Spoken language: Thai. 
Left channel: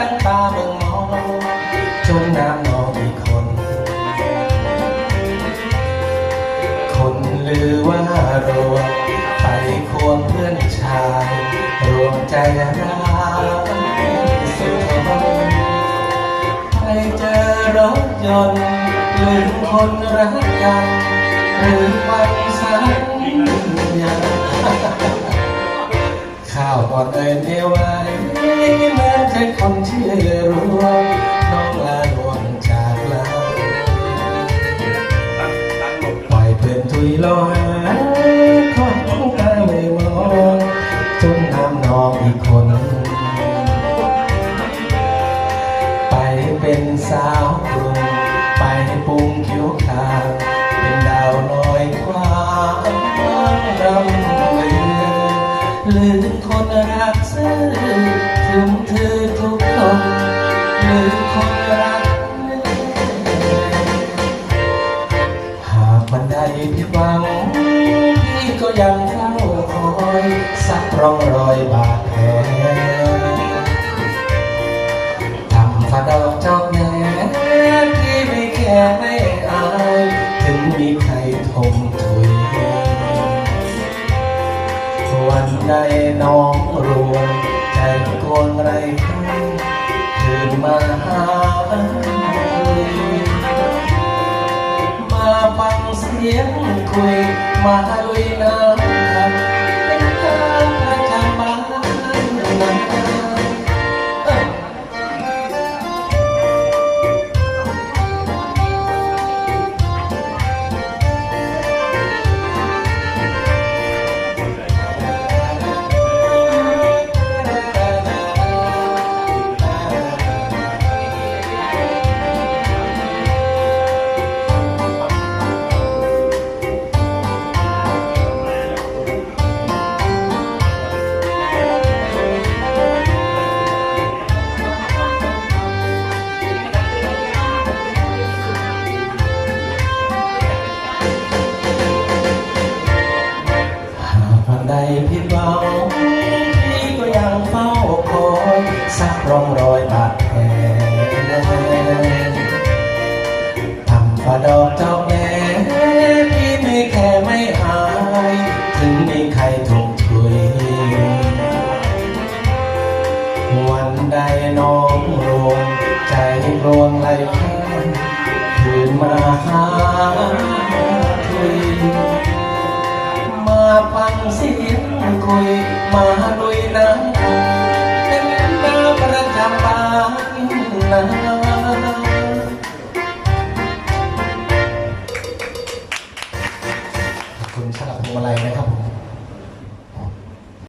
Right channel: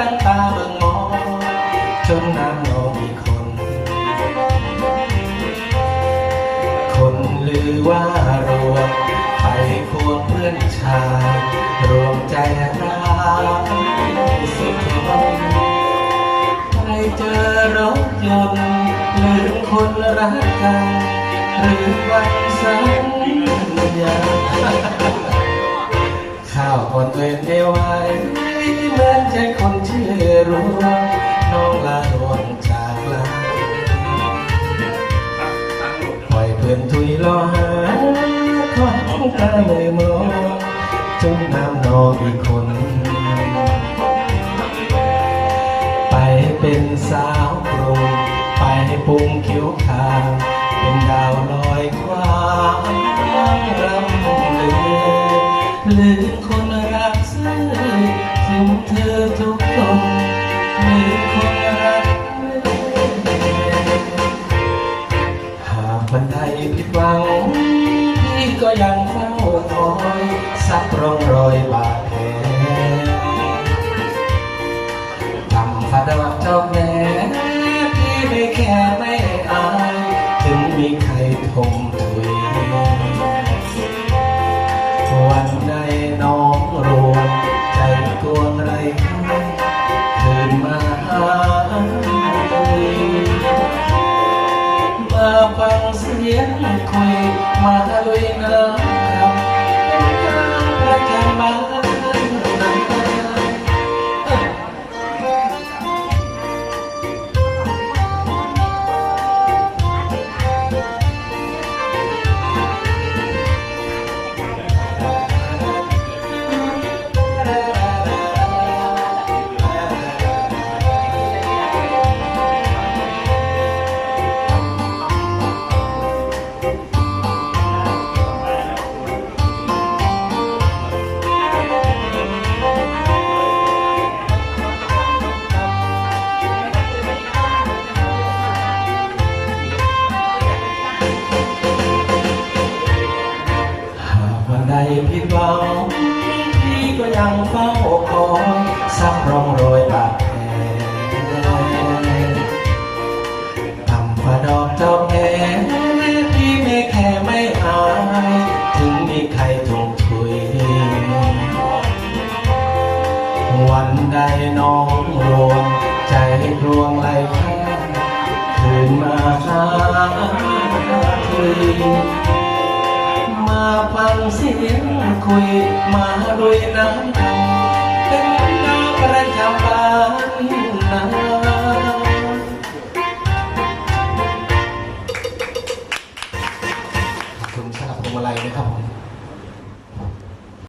ตั้งตาบังมองจนน้ำนองอีกคน คนลือว่ารวมไปควงเพื่อนชาย รวมใจรักสุดทนใครเจอรถยนต์ลืมคนรักกันหรือวันสัญญาข้าวก่อนเอ่ย อนทุยรอหาของตาไม่มองจนน้ำนองอีกคน ไปเป็นสาวกรุงไปปรุงคิ้วขาวเป็นดาวลอยความรำลือลืมคนรักซื่อถึงเธ ผิดหวังพี่ก็ยังเฝ้าคอยสักร่องรอยบาดแผลทำฝาดอกเจ้าแน่พี่ไม่แค่ไม่อาย ถึงมีใครทมถุยวันใดน้อง มาฟังเสี หวังพี่ก็ยังเฝ้าคอยสักร่องรอยบาดแผลทำฝ่าดอกเจ้าแม่พี่ไม่แค่ไม่อาย ถึงมีใครถูกถุย วันใดน้องรวงใจรวงไหลข้างคืนมาหา พี่